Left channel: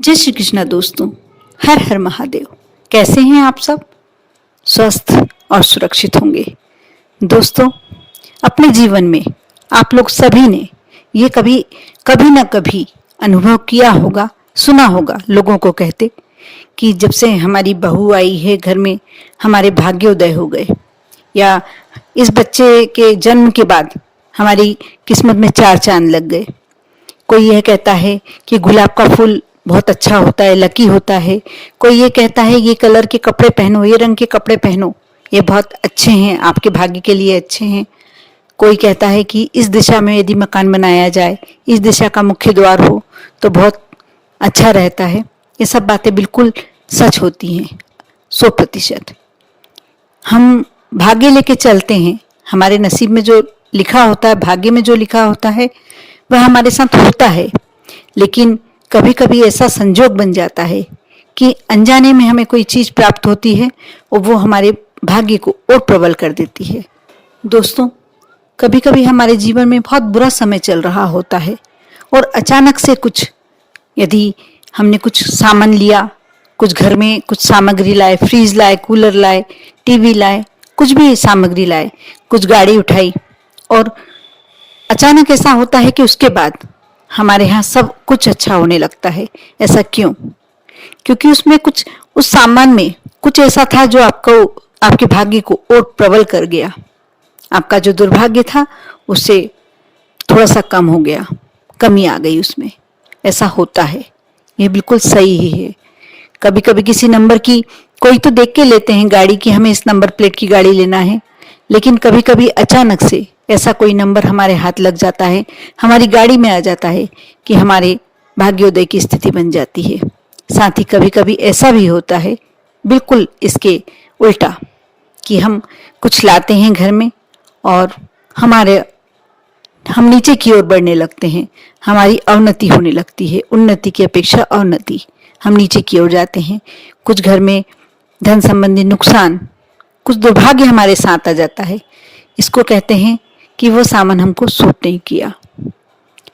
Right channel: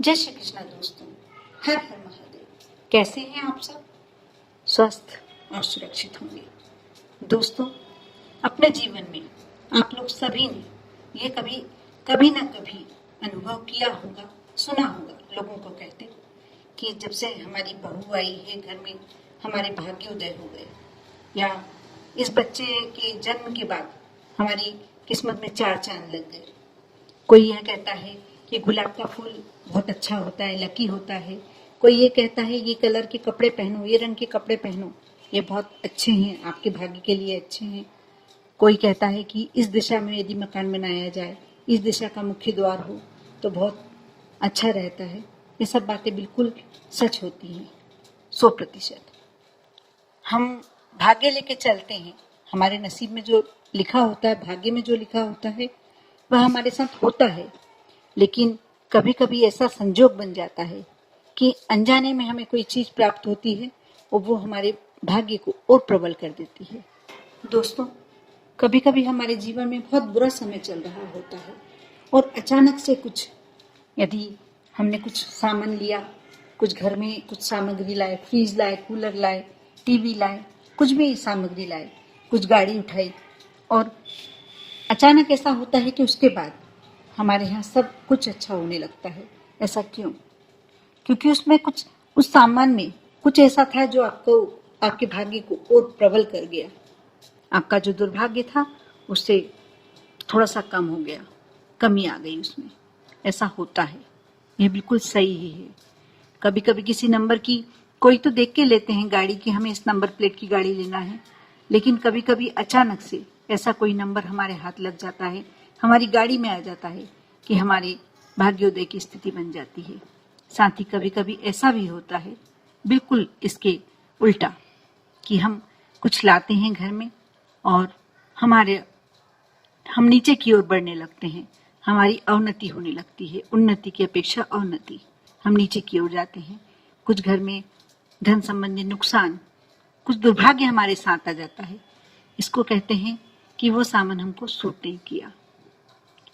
जय श्री कृष्णा दोस्तों। हर हर महादेव। कैसे हैं आप सब? स्वस्थ और सुरक्षित होंगे। दोस्तों, अपने जीवन में आप लोग सभी ने ये कभी कभी ना कभी अनुभव किया होगा, सुना होगा लोगों को कहते कि जब से हमारी बहू आई है घर में हमारे भाग्योदय हो गए, या इस बच्चे के जन्म के बाद हमारी किस्मत में चार चांद लग गए। कोई यह कहता है कि गुलाब का फूल बहुत अच्छा होता है, लकी होता है। कोई ये कहता है ये कलर के कपड़े पहनो, ये रंग के कपड़े पहनो, ये बहुत अच्छे हैं, आपके भाग्य के लिए अच्छे हैं। कोई कहता है कि इस दिशा में यदि मकान बनाया जाए, इस दिशा का मुख्य द्वार हो तो बहुत अच्छा रहता है। ये सब बातें बिल्कुल सच होती हैं 100%। हम भाग्य लेके चलते हैं, हमारे नसीब में जो लिखा होता है, भाग्य में जो लिखा होता है वह हमारे साथ होता है। लेकिन कभी कभी ऐसा संजोग बन जाता है कि अनजाने में हमें कोई चीज प्राप्त होती है और वो हमारे भाग्य को और प्रबल कर देती है। दोस्तों, कभी कभी हमारे जीवन में बहुत बुरा समय चल रहा होता है और अचानक से कुछ, यदि हमने कुछ सामान लिया, कुछ घर में कुछ सामग्री लाए, फ्रीज लाए, कूलर लाए, टीवी लाए, कुछ भी सामग्री लाए, कुछ गाड़ी उठाई, और अचानक ऐसा होता है कि उसके बाद हमारे यहाँ सब कुछ अच्छा होने लगता है। ऐसा क्यों? क्योंकि उसमें कुछ, उस सामान में कुछ ऐसा था जो आपके भाग्य को और प्रबल कर गया। आपका जो दुर्भाग्य था उससे थोड़ा सा कम हो गया, कमी आ गई उसमें। ऐसा होता है, ये बिल्कुल सही ही है। कभी कभी किसी नंबर की, कोई तो देख के लेते हैं गाड़ी कि हमें इस नंबर प्लेट की गाड़ी लेना है, लेकिन कभी कभी अचानक से ऐसा कोई नंबर हमारे हाथ लग जाता है, हमारी गाड़ी में आ जाता है कि हमारे भाग्योदय की स्थिति बन जाती है। साथ ही कभी कभी ऐसा भी होता है बिल्कुल इसके उल्टा, कि हम कुछ लाते हैं घर में और हम नीचे की ओर बढ़ने लगते हैं, हमारी अवनति होने लगती है। उन्नति की अपेक्षा अवनति, हम नीचे की ओर जाते हैं। कुछ घर में धन संबंधी नुकसान, कुछ दुर्भाग्य हमारे साथ आ जाता है। इसको कहते हैं कि वो सामान हमको सूट नहीं किया।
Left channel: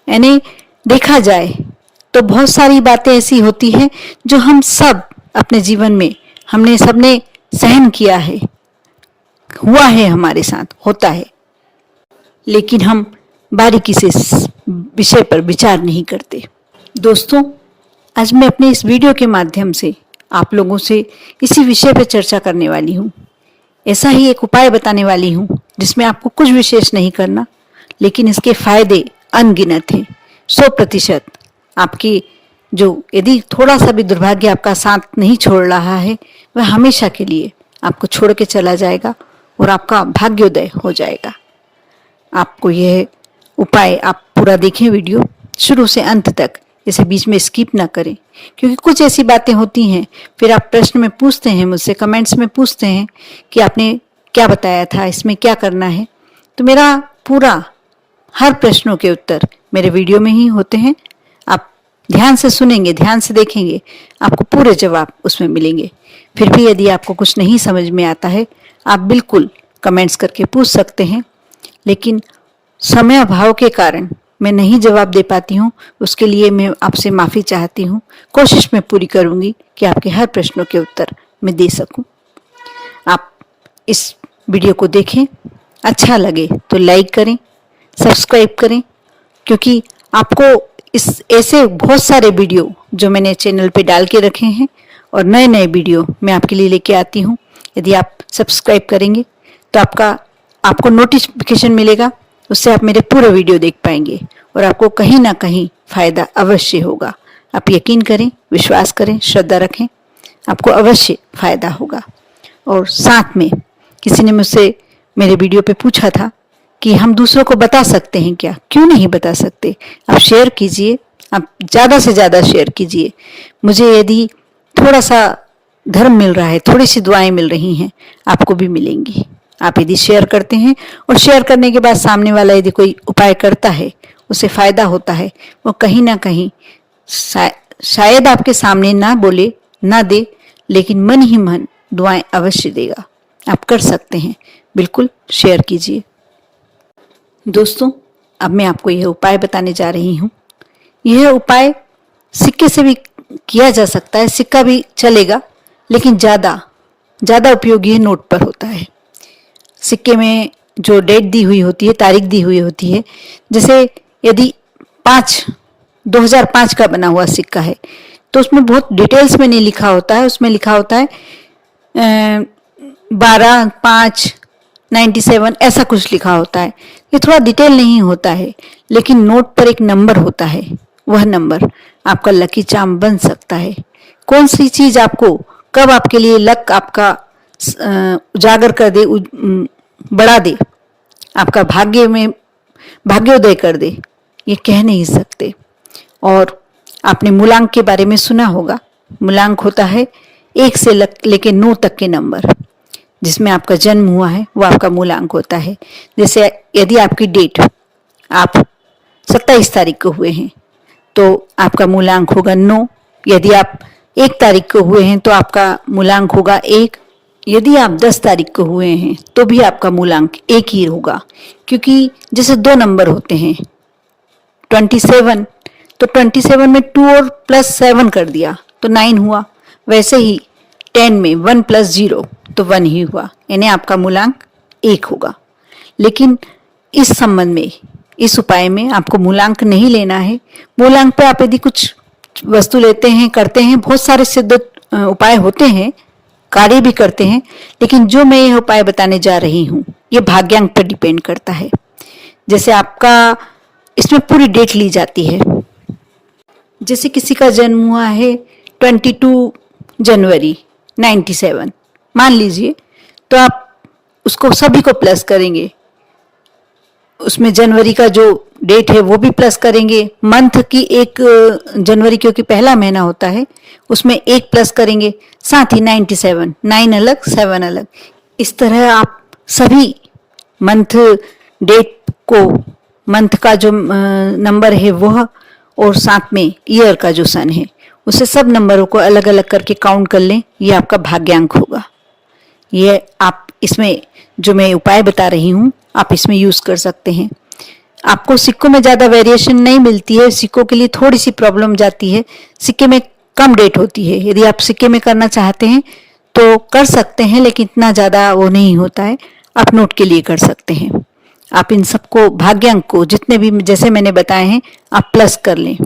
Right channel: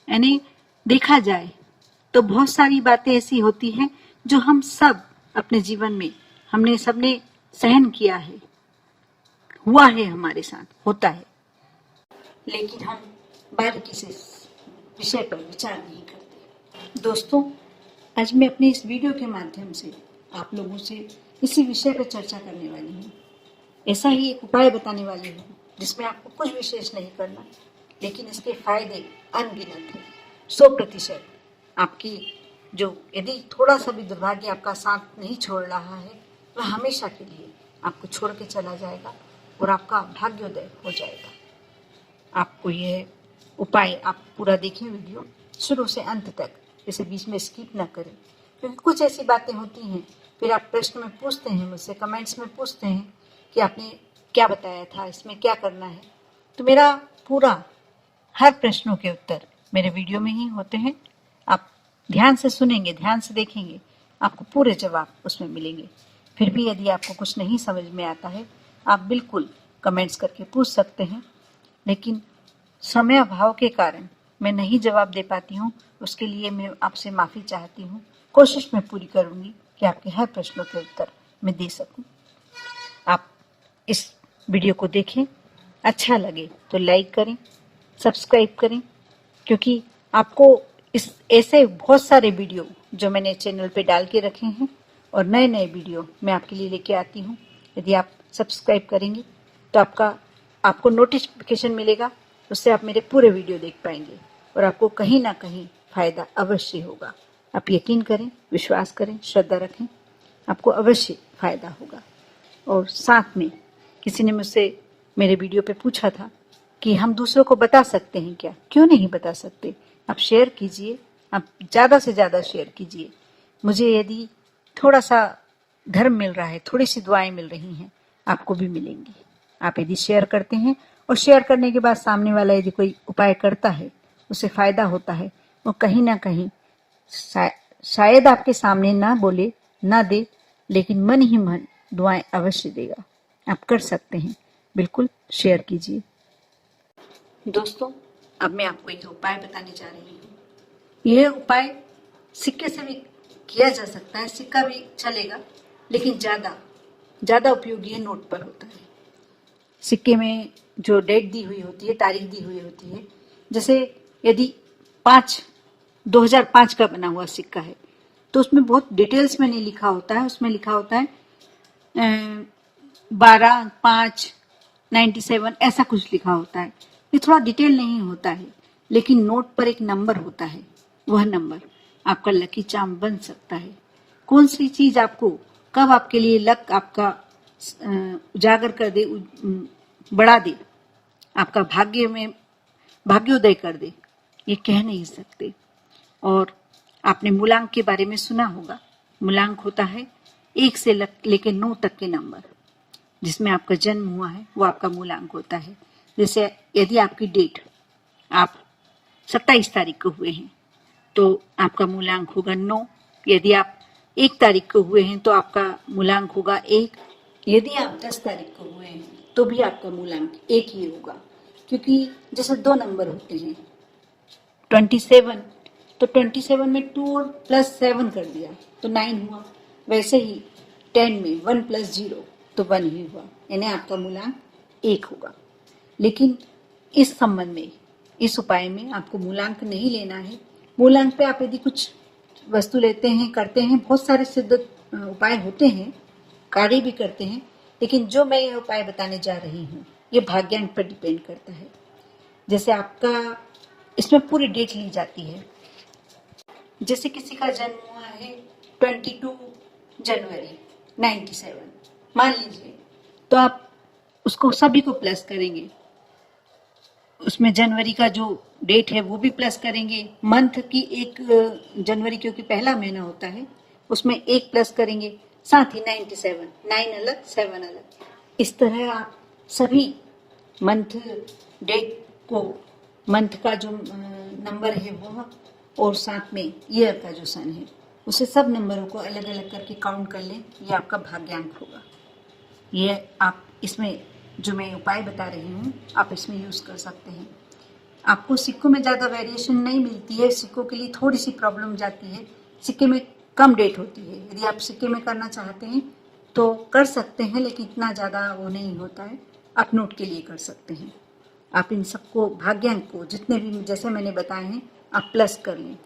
यानी देखा जाए तो बहुत सारी बातें ऐसी होती हैं जो हम सब अपने जीवन में हमने सबने सहन किया है, हुआ है, हमारे साथ होता है, लेकिन हम बारीकी से इस विषय पर विचार नहीं करते। दोस्तों, आज मैं अपने इस वीडियो के माध्यम से आप लोगों से इसी विषय पर चर्चा करने वाली हूँ। ऐसा ही एक उपाय बताने वाली हूँ जिसमें आपको कुछ विशेष नहीं करना, लेकिन इसके फायदे अनगिनत हैं। 100% आपकी, जो यदि थोड़ा सा भी दुर्भाग्य आपका साथ नहीं छोड़ रहा है, वह हमेशा के लिए आपको छोड़ के चला जाएगा और आपका भाग्योदय हो जाएगा। आपको यह उपाय, आप पूरा देखें वीडियो शुरू से अंत तक, इसे बीच में स्किप ना करें, क्योंकि कुछ ऐसी बातें होती हैं फिर आप प्रश्न में पूछते हैं मुझसे, कमेंट्स में पूछते हैं कि आपने क्या बताया था, इसमें क्या करना है। तो मेरा पूरा हर प्रश्नों के उत्तर मेरे वीडियो में ही होते हैं। आप ध्यान से सुनेंगे, ध्यान से देखेंगे, आपको पूरे जवाब उसमें मिलेंगे। फिर भी यदि आपको कुछ नहीं समझ में आता है, आप बिल्कुल कमेंट्स करके पूछ सकते हैं, लेकिन समय अभाव के कारण मैं नहीं जवाब दे पाती हूँ। उसके लिए मैं आपसे माफ़ी चाहती हूँ। कोशिश मैं पूरी करूँगी कि आपके हर प्रश्नों के उत्तर मैं दे सकूँ। आप इस वीडियो को देखें, अच्छा लगे तो लाइक करें, सब्सक्राइब करें, क्योंकि आपको इस ऐसे बहुत सारे वीडियो जो मैंने चैनल पे डाल के रखे हैं और नए नए वीडियो मैं आपके लिए लेके आती हूँ। यदि आप सब्सक्राइब करेंगे तो आपको नोटिफिकेशन मिलेगा, उससे आप मेरे पूरे वीडियो देख पाएंगे और आपको कहीं ना कहीं फ़ायदा अवश्य होगा। आप यकीन करें, विश्वास करें, श्रद्धा रखें, आपको अवश्य फ़ायदा होगा। और साथ में किसी ने मुझसे मेरे वीडियो पे पूछा था कि हम दूसरों को बता सकते हैं क्या? क्यों नहीं बता सकते? आप शेयर कीजिए, आप ज़्यादा से ज़्यादा शेयर कीजिए। मुझे यदि थोड़ा सा धर्म मिल रहा है, थोड़ी सी दुआएं मिल रही हैं, आपको भी मिलेंगी। आप यदि शेयर करते हैं और शेयर करने के बाद सामने वाला यदि कोई उपाय करता है, उसे फ़ायदा होता है, वो कहीं ना कहीं शायद आपके सामने ना बोले, ना दे, लेकिन मन ही मन दुआएं अवश्य देगा। आप कर सकते हैं, बिल्कुल शेयर कीजिए। दोस्तों, अब मैं आपको यह उपाय बताने जा रही हूँ। यह उपाय सिक्के से भी किया जा सकता है, सिक्का भी चलेगा, लेकिन ज़्यादा उपयोगी नोट पर होता है। सिक्के में जो डेट दी हुई होती है, तारीख दी हुई होती है, जैसे यदि 2005 का बना हुआ सिक्का है तो उसमें बहुत डिटेल्स में नहीं लिखा होता है, उसमें लिखा होता है 12/5/97 ऐसा कुछ लिखा होता है। ये थोड़ा डिटेल नहीं होता है, लेकिन नोट पर एक नंबर होता है, वह नंबर आपका लकी चार्म बन सकता है। कौन सी चीज आपको कब आपके लिए लक आपका उजागर कर दे, बढ़ा दे, आपका भाग्योदय कर दे, ये कह नहीं सकते। और आपने मूलांक के बारे में सुना होगा। मूलांक होता है 1 से लेके 9 तक के नंबर, जिसमें आपका जन्म हुआ है वो आपका मूलांक होता है। जैसे यदि आपकी डेट आप 27 तारीख को हुए हैं तो आपका मूलांक होगा 9। यदि आप 1 तारीख को हुए हैं तो आपका मूलांक होगा 1। यदि आप 10 तारीख को हुए हैं तो भी आपका मूलांक 1 ही होगा, क्योंकि जैसे 2 नंबर होते हैं 27, तो 27 में 2 और +7 कर दिया तो 9 हुआ। वैसे ही 10 में 1 + 0 तो 1 ही हुआ, यानी आपका मूलांक 1 होगा। लेकिन इस संबंध में, इस उपाय में आपको मूलांक नहीं लेना है। मूलांक पे आप यदि कुछ वस्तु लेते हैं, करते हैं, बहुत सारे सिद्ध उपाय होते हैं, कार्य भी करते हैं, लेकिन जो मैं यह उपाय बताने जा रही हूँ ये भाग्यांक पर डिपेंड करता है। जैसे आपका इसमें पूरी डेट ली जाती है। जैसे किसी का जन्म हुआ है 22 जनवरी 97 मान लीजिए, तो आप उसको सभी को प्लस करेंगे, उसमें जनवरी का जो डेट है वो भी प्लस करेंगे, मंथ की 1 जनवरी क्योंकि पहला महीना होता है उसमें 1 प्लस करेंगे, साथ ही 97, 9 अलग 7 अलग। इस तरह आप सभी मंथ डेट को, मंथ का जो नंबर है वह, और साथ में ईयर का जो सन है, उसे सब नंबरों को अलग अलग करके काउंट कर लें, ये आपका भाग्यांक होगा। ये आप इसमें जो मैं उपाय बता रही हूँ आप इसमें यूज कर सकते हैं। आपको सिक्कों में ज़्यादा वेरिएशन नहीं मिलती है, सिक्कों के लिए थोड़ी सी प्रॉब्लम जाती है, सिक्के में कम डेट होती है। यदि आप सिक्के में करना चाहते हैं तो कर सकते हैं, लेकिन इतना ज़्यादा वो नहीं होता है, आप नोट के लिए कर सकते हैं। आप इन सबको, भाग्यांक को, जितने भी जैसे मैंने बताए हैं आप प्लस कर लें।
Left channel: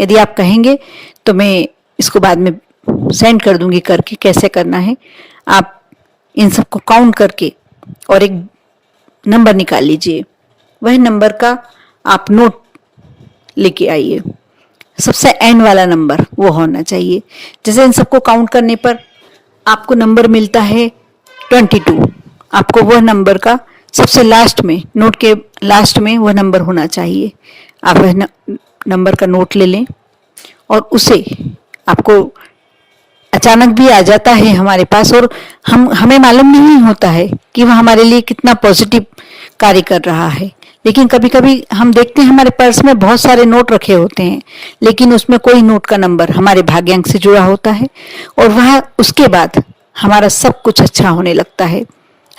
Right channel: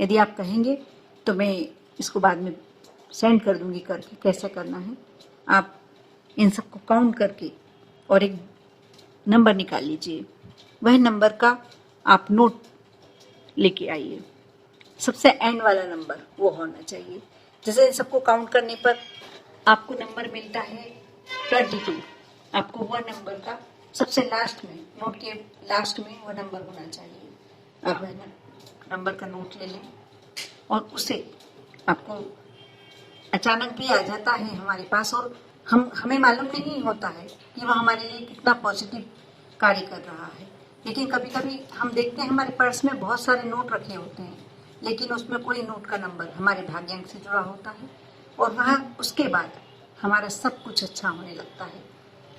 यदि आप कहेंगे तो मैं इसको बाद में सेंड कर दूंगी करके कैसे करना है। आप इन सबको काउंट करके और एक नंबर निकाल लीजिए, वह नंबर का आप नोट लेके आइए। सबसे एंड वाला नंबर वो होना चाहिए। जैसे इन सबको काउंट करने पर आपको नंबर मिलता है 22, आपको वह नंबर का सबसे लास्ट में, नोट के लास्ट में वह नंबर होना चाहिए। आप वह नंबर का नोट ले लें और उसे आपको अचानक भी आ जाता है हमारे पास, और हमें मालूम नहीं होता है कि वह हमारे लिए कितना पॉजिटिव कार्य कर रहा है। लेकिन कभी कभी हम देखते हैं हमारे पर्स में बहुत सारे नोट रखे होते हैं, लेकिन उसमें कोई नोट का नंबर हमारे भाग्यांक से जुड़ा होता है, और वह उसके बाद हमारा सब कुछ अच्छा होने लगता है।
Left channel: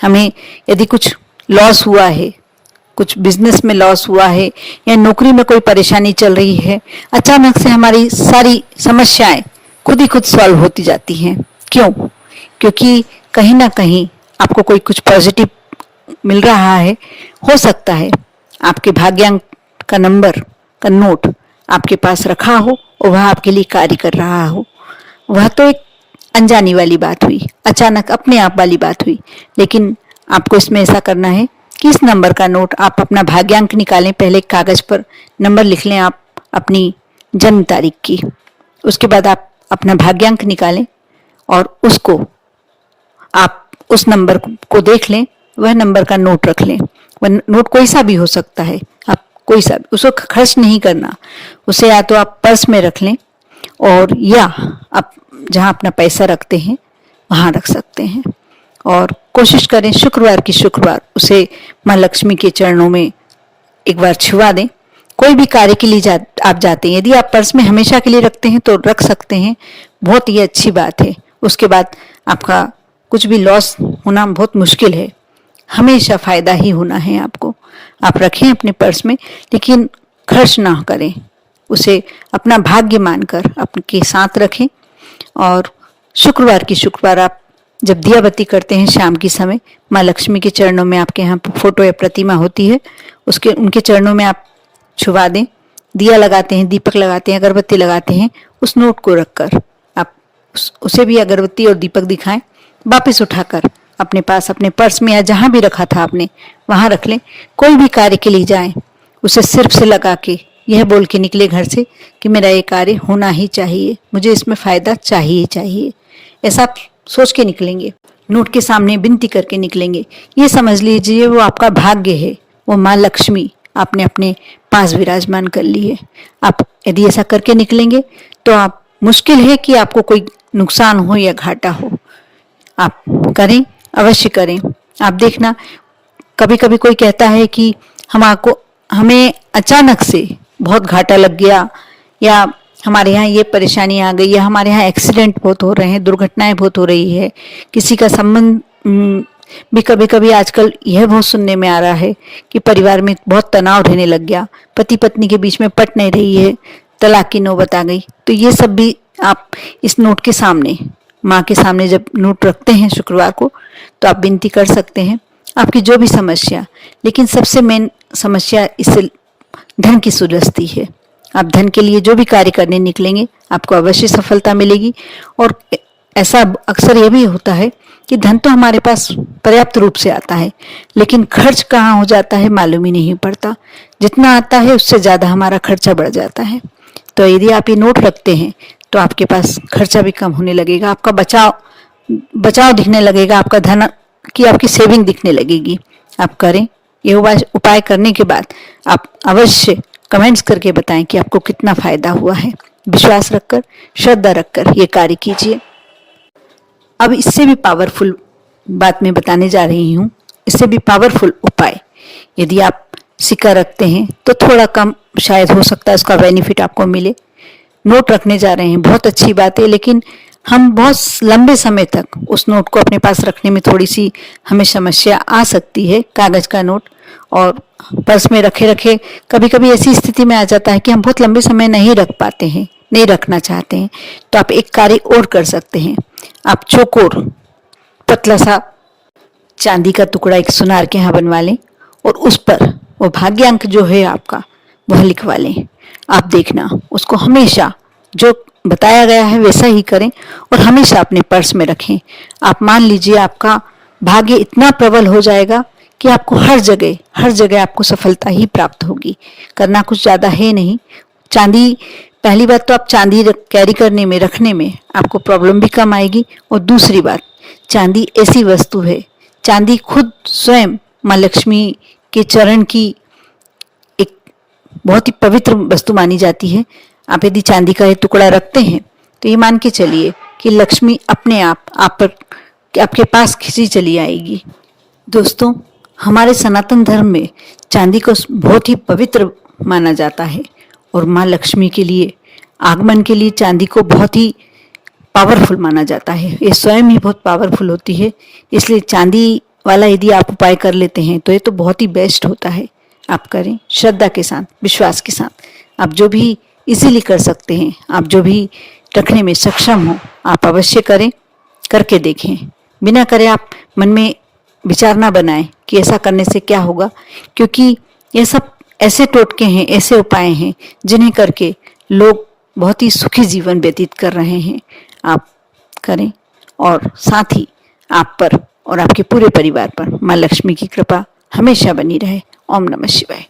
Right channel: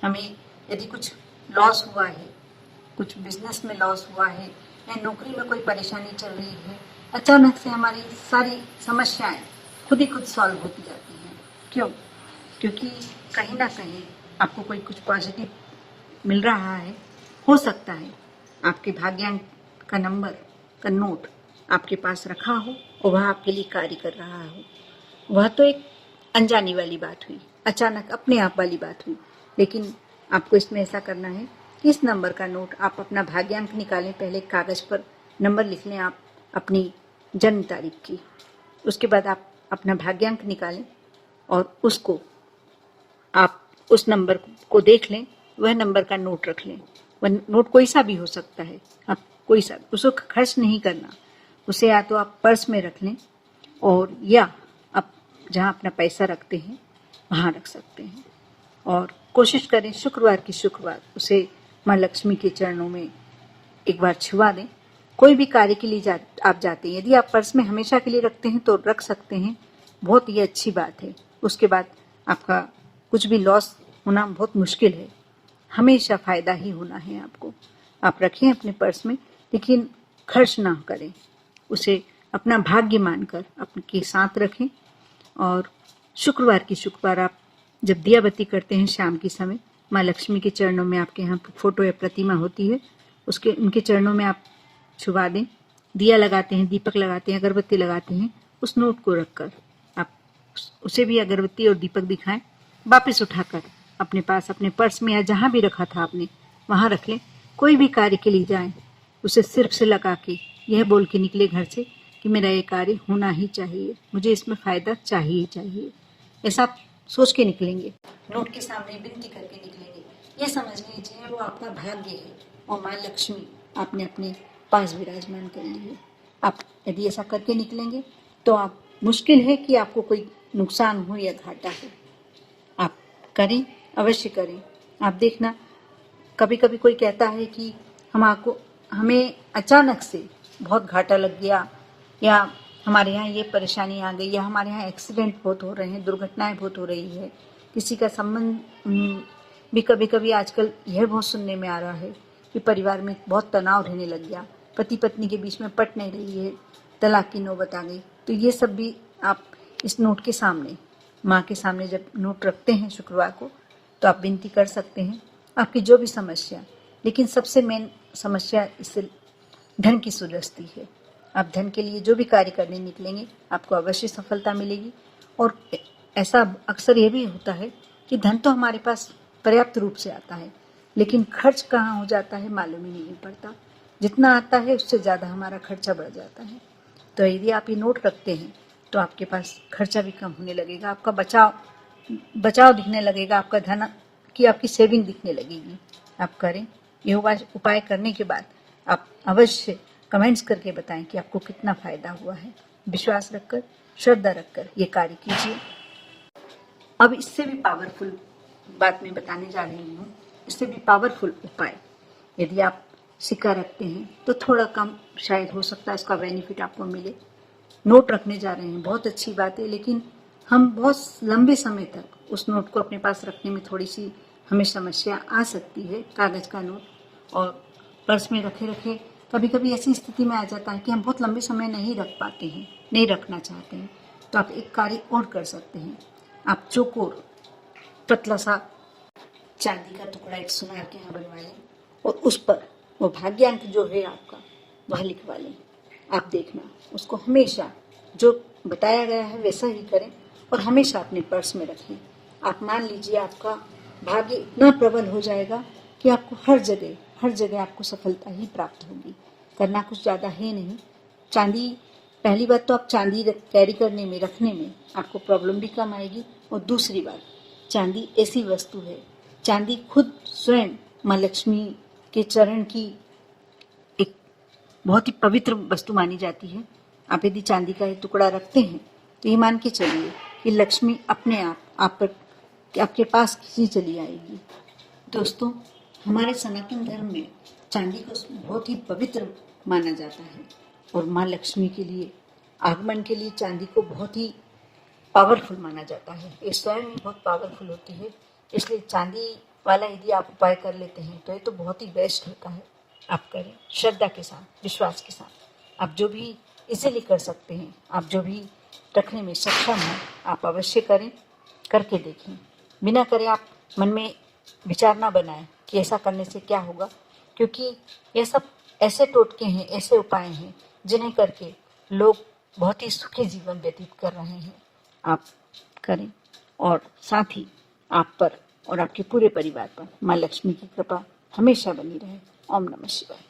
हमें यदि कुछ लॉस हुआ है, कुछ बिजनेस में लॉस हुआ है, या नौकरी में कोई परेशानी चल रही है, अचानक से हमारी सारी समस्याएं खुद ही खुद सॉल्व होती जाती हैं। क्यों? क्योंकि कहीं ना कहीं आपको कोई कुछ पॉजिटिव मिल रहा है। हो सकता है आपके भाग्यांक का नंबर का नोट आपके पास रखा हो और वह आपके लिए कार्य कर रहा हो। वह तो एक अनजानी वाली बात हुई, अचानक अपने आप वाली बात हुई, लेकिन आपको इसमें ऐसा करना है कि इस नंबर का नोट, आप अपना भाग्यांक निकालें, पहले कागज पर नंबर लिख लें आप अपनी जन्म तारीख की, उसके बाद आप अपना भाग्यांक निकालें और उसको आप उस नंबर को देख लें, वह नंबर का नोट रख लें। वह नोट कोई सा भी हो सकता है, आप कोई सा, उसको खर्च नहीं करना, उसे या तो आप पर्स में रख लें और या आप जहाँ अपना पैसा रखते हैं वहाँ रख सकते हैं। और कोशिश करें शुक्रवार की शुक्रवार उसे माँ लक्ष्मी के चरणों में एक बार छुआ दें। कोई भी कार्य के लिए आप जाते हैं, यदि आप पर्स में हमेशा के लिए रखते हैं तो रख सकते हैं, बहुत ही अच्छी बात है। उसके बाद आपका कुछ भी लॉस होना बहुत मुश्किल है, हमेशा फायदा ही होना है आपको। आप रखें अपने पर्स में, लेकिन खर्च ना करें, उसे अपना भाग्य मानकर आपके साथ रखें। और शुक्रवार की शुक्रवार आप जब दिया बत्ती करते हैं शाम के समय, माँ लक्ष्मी के चरणों में, आपके यहाँ फोटो या प्रतिमा होती है उसके उनके चरणों में आप छुवा दें। दिया लगाते हैं, दीपक लगाते हैं, अगरबत्ती लगाते हैं, उस नोट को रखकर आप उसे भी अगरबत्ती और दीपक दिखाएं। वापस उठाकर अपने पास, अपने पर्स में या जहाँ भी रखा था आपने वहाँ रख लें। कोई भी कार्य के लिए जाएं, उसे सिर्फ से लगा के यह बोल के निकले घर से कि मेरा ये कार्य होना ही चाहिए, मुझे इसमें फ़ायदा चाहिए चाहिए, ऐसा आप सोच के निकलेंगे। नोट के सामने विनती करके निकलेंगे। ये समझ लीजिए वो आपका भाग्य है, वो माँ लक्ष्मी आपने अपने पास विराजमान कर ली है। आप यदि ऐसा करके निकलेंगे तो आप, मुश्किल है कि आपको कोई नुकसान हो या घाटा हो। आप करें, अवश्य करें। आप देखना, कभी कभी कोई कहता है कि हमें अचानक से बहुत घाटा लग गया, या हमारे यहाँ ये परेशानी आ गई, या हमारे यहाँ एक्सीडेंट बहुत हो रहे हैं, दुर्घटनाएं बहुत हो रही है, किसी का संबंध भी कभी कभी आजकल यह बहुत सुनने में आ रहा है कि परिवार में बहुत तनाव रहने लग गया, पति पत्नी के बीच में पट नहीं रही है, तलाक की नौबत आ गई। तो ये सब भी आप इस नोट के सामने, माँ के सामने जब नोट रखते हैं शुक्रवार को, तो आप विनती कर सकते हैं आपकी जो भी समस्या। लेकिन सबसे मेन समस्या इससे धन की सुरस्ती है। आप धन के लिए जो भी कार्य करने निकलेंगे आपको अवश्य सफलता मिलेगी। और ऐसा अक्सर ये भी होता है कि धन तो हमारे पास पर्याप्त रूप से आता है, लेकिन खर्च कहाँ हो जाता है मालूम ही नहीं पड़ता। जितना आता है उससे ज़्यादा हमारा खर्चा बढ़ जाता है। तो यदि आप ये नोट रखते हैं तो आपके पास खर्चा भी कम होने लगेगा, आपका बचाव दिखने लगेगा, आपका धन की आपकी सेविंग दिखने लगेगी। आप करें, ये उपाय करने के बाद आप अवश्य कमेंट्स करके बताएं कि आपको कितना फायदा हुआ है। विश्वास रखकर, श्रद्धा रखकर ये कार्य कीजिए। अब इससे भी पावरफुल बात मैं बताने जा रही हूँ, इससे भी पावरफुल उपाय। यदि आप सिक्का रखते हैं तो थोड़ा कम शायद हो सकता है उसका बेनिफिट आपको मिले। नोट रखने जा रहे हैं, बहुत अच्छी बात है, लेकिन हम बहुत लंबे समय तक उस नोट को अपने पास रखने में थोड़ी सी हमें समस्या आ सकती है। कागज का नोट और पर्स में रखे रखे कभी कभी ऐसी स्थिति में आ जाता है कि हम बहुत लंबे समय नहीं रख पाते हैं, नहीं रखना चाहते हैं। तो आप एक कार्य और कर सकते हैं। आप चौकोर पतला सा चांदी का टुकड़ा एक सुनार के यहाँ बनवा लें और उस पर वो भाग्यांक जो है आपका वह लिखवा लें। आप देखना, उसको हमेशा जो बताया गया है वैसा ही करें और हमेशा अपने पर्स में रखें। आप मान लीजिए आपका भाग्य इतना प्रबल हो जाएगा कि आपको हर जगह आपको सफलता ही प्राप्त होगी। करना कुछ ज़्यादा है नहीं। चांदी, पहली बात तो आप चांदी कैरी करने में, रखने में आपको प्रॉब्लम भी कम आएगी। और दूसरी बात, चांदी ऐसी वस्तु है, चांदी खुद स्वयं माँ लक्ष्मी के चरण की एक बहुत ही पवित्र वस्तु मानी जाती है। आप यदि चांदी का ये टुकड़ा रखते हैं तो ये मान के चलिए कि लक्ष्मी अपने आप पर आपके पास खिंची चली आएगी। दोस्तों, हमारे सनातन धर्म में चांदी को बहुत ही पवित्र माना जाता है और माँ लक्ष्मी के लिए आगमन के लिए चांदी को बहुत ही पावरफुल माना जाता है। ये स्वयं ही बहुत पावरफुल होती है, इसलिए चांदी वाला यदि आप उपाय कर लेते हैं तो ये तो बहुत ही बेस्ट होता है। आप करें श्रद्धा के साथ, विश्वास के साथ। आप जो भी इजीली कर सकते हैं, आप जो भी रखने में सक्षम हो, आप अवश्य करें, करके देखें। बिना करे आप मन में विचार ना बनाएं कि ऐसा करने से क्या होगा, क्योंकि ये सब ऐसे टोटके हैं, ऐसे उपाय हैं जिन्हें करके लोग बहुत ही सुखी जीवन व्यतीत कर रहे हैं। आप करें और साथ ही आप पर और आपके पूरे परिवार पर माँ लक्ष्मी की कृपा हमेशा बनी रहे। ओम नमः शिवाय।